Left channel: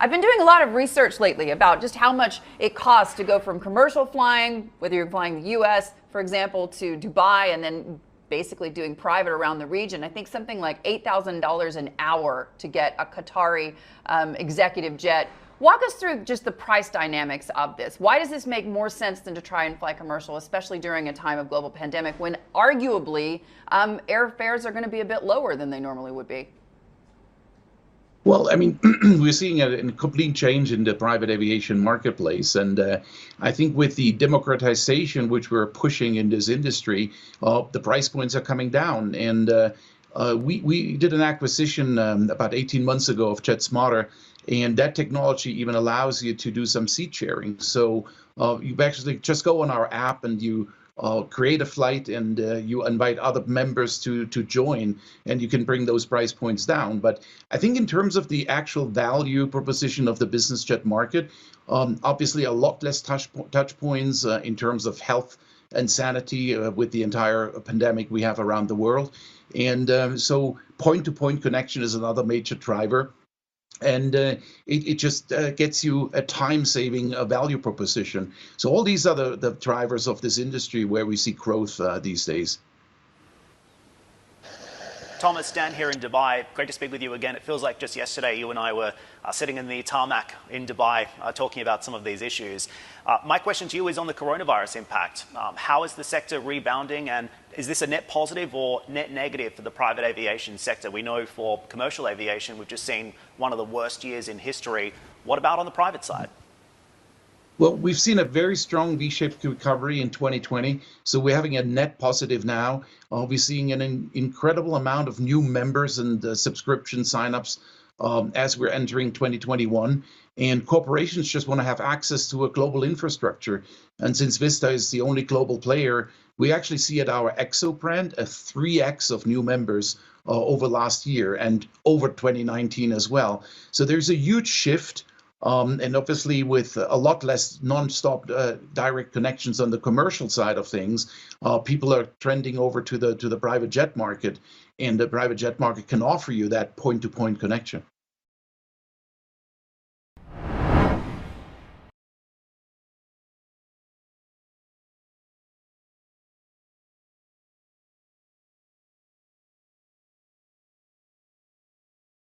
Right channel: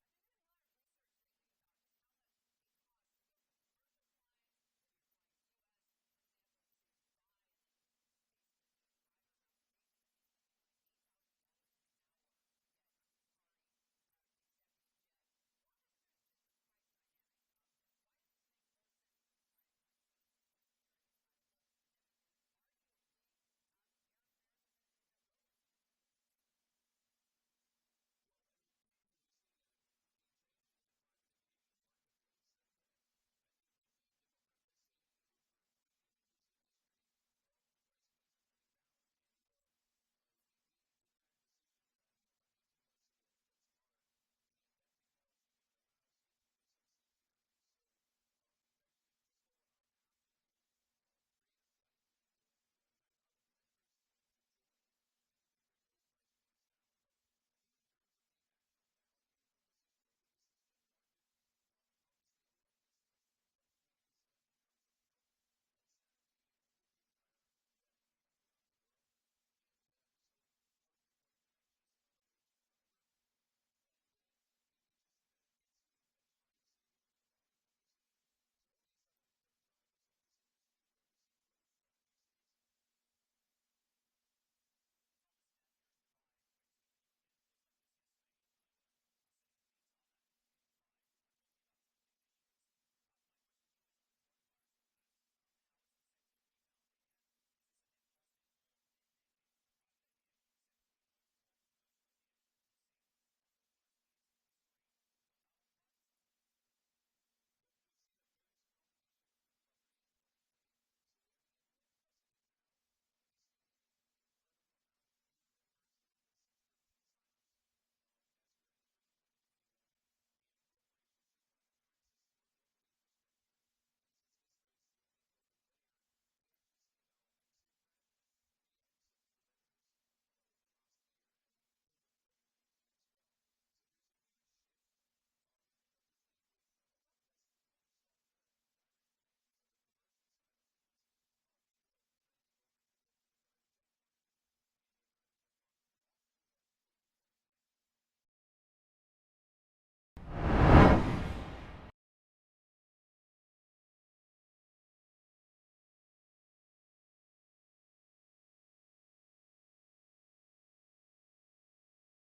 I've been doing a lot of research lately about just how much it costs to go from commercial flying, whether you're flying the US, for example, to Dubai, and then basically doing private around the region. I think something like $8,000 an hour to get a Qatari executive jet. Walk us through just the price dynamics of this. Why does this make more sense than to try and fly commercial, especially during a time of global pandemic when arguably airfares are going to be a bit lower than they normally would be? Well, I mean, we're seeing a complete change in the private aviation marketplace. And I think with the democratization which we're pushing in this industry, the price points are coming down. And we did an acquisition about 18 months ago of JetSmarter, and that technology even allows you to do some seat sharing. So you actually just go on our app and you create a flight, and you invite other members to join, and you can bring those price points down. But I think in terms of the actual value proposition of the business jet market, obviously a lot less touch points in terms of health and sanity with the entire pandemic we have around the world. And so point-to-point connection is another major driver. And it just gets you a time-saving value proposition. So all these are the drivers of this industry where we see growth these days. Thomas, Dan here in Dubai. Great to speak with you again. It feels like just yesterday you and I were sitting in the tarmac in Dubai talking about some of these issues. My question to you is on the coronavirus impact. How is the sector rebounding, and is this a net positive or net negative for the private aviation sector? We know for commercial aviation, we've just seen one of the worst years in history. What about on the private side? Well, we've seen a very strong V-shaped recovery in 2020, so we're having a net positive now. We're seeing an incredible amount of new members and subscription signups as we're entering 2021. And corporations just want to have access to a global infrastructure. And since Vista is the only global player, we actually see at our EXO brand a 3x of new members over last year and over 2019 as well. So there's a huge shift. And obviously, with a lot less non-stop direct connections on the commercial side of things, people are trending over to the private jet market, and the private jet market can offer you that point-to-point connection.